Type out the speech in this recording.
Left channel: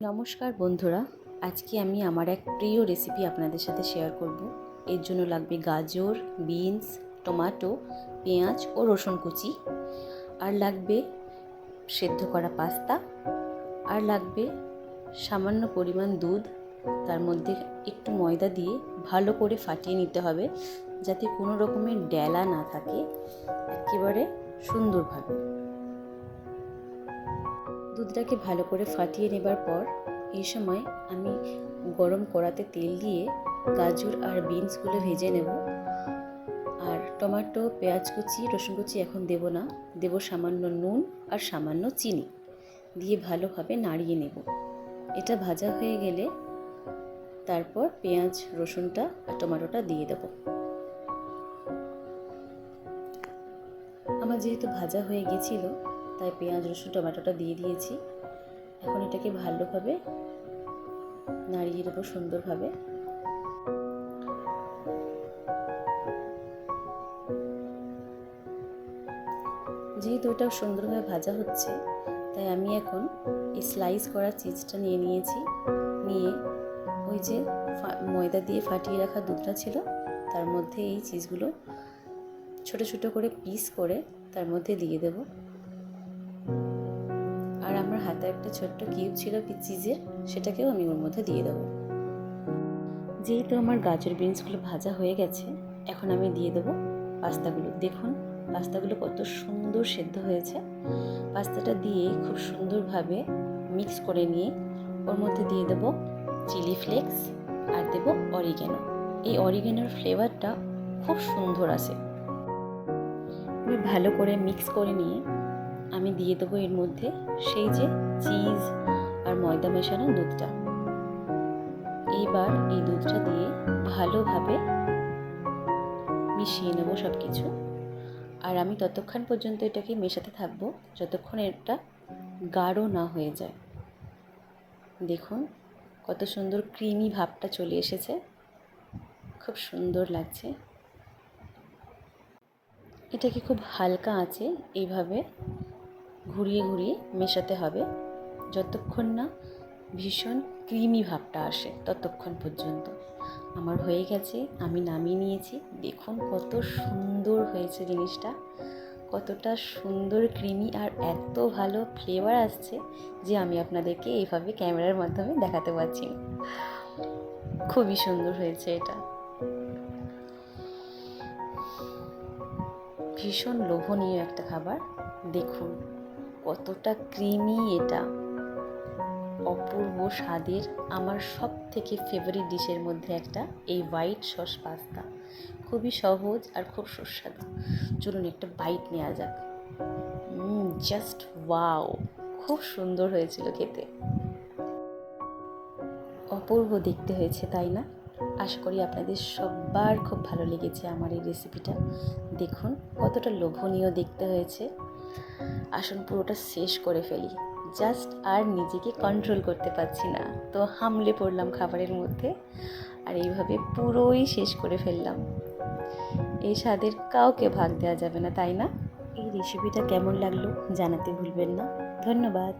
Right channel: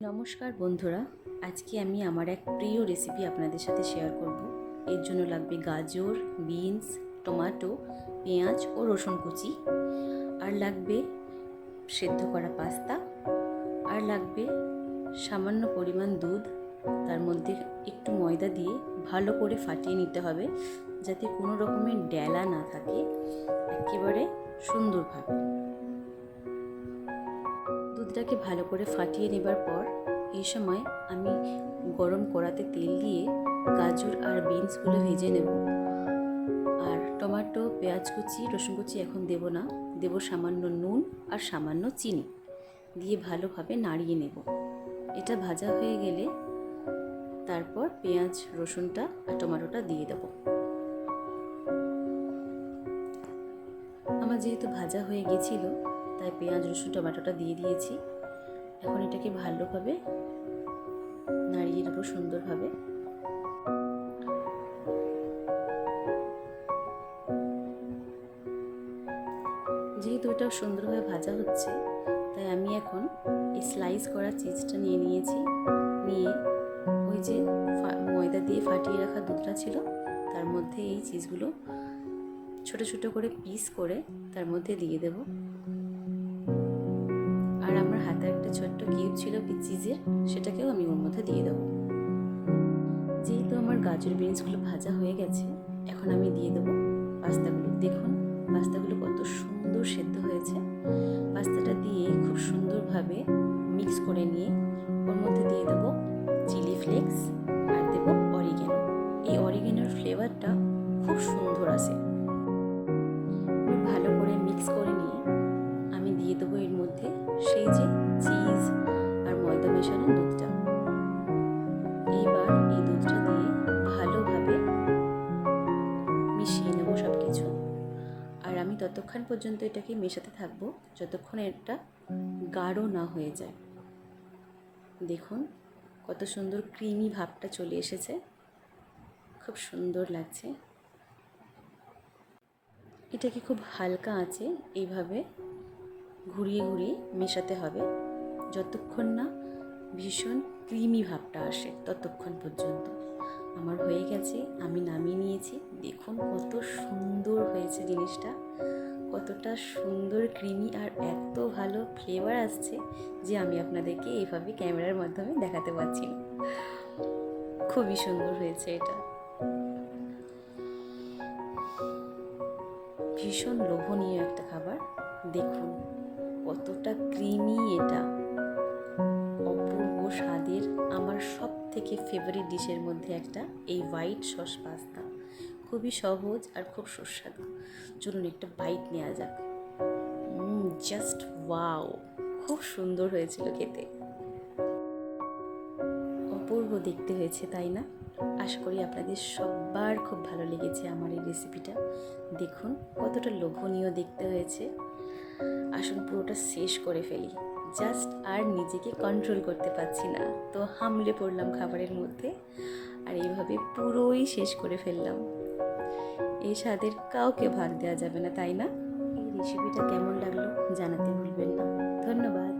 নমস্কার বন্ধুরা, আজকে আমি আমার এক প্রিয় রেসিপি আপনাদের সাথে শেয়ার করব। এর জন্য লাগবে গাজর, বিনস, টমেটো, পেঁয়াজ ও রসুন কুচি, আর লাগবে সেদ্ধ করা পাস্তা, আর লাগবে সামান্য পরিমাণ দুধ। তার মধ্যে একটু ময়দা দিয়ে ভালো করে ফাটিয়ে নিতে হবে, যাতে কোনো রকমের ডেলা না থাকে, একেবারে সুন্দরভাবে। দুধটাকে ভালো করে ফাটিয়ে নেবার পর এই সময় আমি গরম কড়াতে তেল দিয়ে গাজর আর বিনসগুলো ভেজে নেব। আর টমেটো, পেঁয়াজ কুচি, রসুন কুচি এখন দেব না, দেব সামান্য নুন আর সামান্য চিনি দিয়ে ভালোভাবে নাড়িয়ে নেব। এটা ভাজা হয়ে গেলে তারপর পেঁয়াজ, রসুনটা আর টমেটোটা দিয়ে দেব। আমার যেহেতু ভাজা হয়ে গেছিল, তাই পেঁয়াজ, রসুন, টমেটোটা দিয়ে দিয়েছি। এখন এটাকে ভালোভাবে নাড়িয়ে দেবো সুন্দরভাবে। যেহেতু এটা সুন্দরভাবে ভাজা হচ্ছে, তাই আমি এখন এই স্লাইস করা চিজটা নিয়ে নিয়েছি। নিয়ে ওই যে ময়দা দিয়ে ফাটিয়ে রাখা দুধটা ছিল, তার মধ্যে এই চিজগুলো ছোট ছোট করে পিস করে তার মধ্যে দিয়ে দেব। আর আমার হাতে একটা ছোট্ট কিউব ছিল চিজের, সেটাকেও আমি ওর মধ্যে দিয়ে দেবো। যেহেতু আমার গাজর বিনসগুলো ভাজা হয়ে গেছে, এখন আমি দিয়ে দেবো পাস্তাগুলো। দেখুন পাস্তাগুলো কত সুন্দর সেদ্ধ হয়েছে। পাস্তাটা দিয়ে খুব সুন্দরভাবে মিক্স করে নিয়ে ওর মধ্যে দিয়ে দেবো চিলি ফ্লেক্স আর দেবো অরিগ্যানো। এই অরিগ্যানোর ফ্লেভারটা খুব সুন্দর আসে। ভালো করে মিক্স করে নিয়ে আমি দিয়ে দেবো এর মধ্যে সেই যে চিজ আর ময়দা মেশানো দুধটা। এইবার এই দুধটা দিয়ে ভালোভাবে মিশিয়ে নেব সব কিছু। আর আমি ততক্ষণ পর্যন্ত এটাকে মেশাতে থাকবো যতক্ষণ এটা গাঢ় না হয়ে যায়। দেখুন কত সুন্দর ক্রিমি ভাবটা চলে এসেছে, খুব সুন্দর লাগছে। এটাকে খুব হালকা আঁচে এইভাবে ঘুরিয়ে ঘুরিয়ে মেশাতে হবে যতক্ষণ না ভীষণ ক্রিমি ভাবটা আসে, ততক্ষণ পর্যন্ত। আমার হয়ে গেছে, আমি নামিয়ে নিয়েছি। দেখুন কত সুন্দর হয়েছে জিনিসটা, কতটা সুন্দর ক্রিমি আর এত ভালো ফ্লেভার আসছে যে আমি আপনাদেরকে এইভাবে ক্যামেরার মাধ্যমে দেখাতে পারছি না। খুবই সুন্দর হয়েছে এটা, ভীষণ লোভনীয় একটা খাবার। দেখুন কতটা ক্রিমি, এটা অপূর্ব স্বাদের। আমার সব থেকে ফেভারিট ডিশের মধ্যে একটা এই হোয়াইট সস পাস্তা, খুবই সহজ আর খুব সুস্বাদু। চলুন একটা বাইট নেওয়া যাক। জাস্ট ওয়াও, খুব সুন্দর হয়েছিল খেতে, অপূর্ব দেখতে হয়েছে, তাই না? আশা করি আপনাদের সবার খুব ভালো লেগেছে আমার এই রেসিপিটা। দেখুন কতটা লোভনীয় দেখতে হয়েছে। আসুন পুরোটা শেষ করে ফেলি, জাস্ট আর নিজেকে কন্ট্রোল করতে পারছি না, তো হামলে পড়লাম খাবারের মধ্যে আর এইভাবে পুরোই শেষ করে ফেললাম। এই স্বাদের কাউকে ভাগ দেওয়া যাবে না, তাই না? এই রেসিপিটা কেমন লাগলো জানাতে ভুলবেন না। ধন্যবাদ।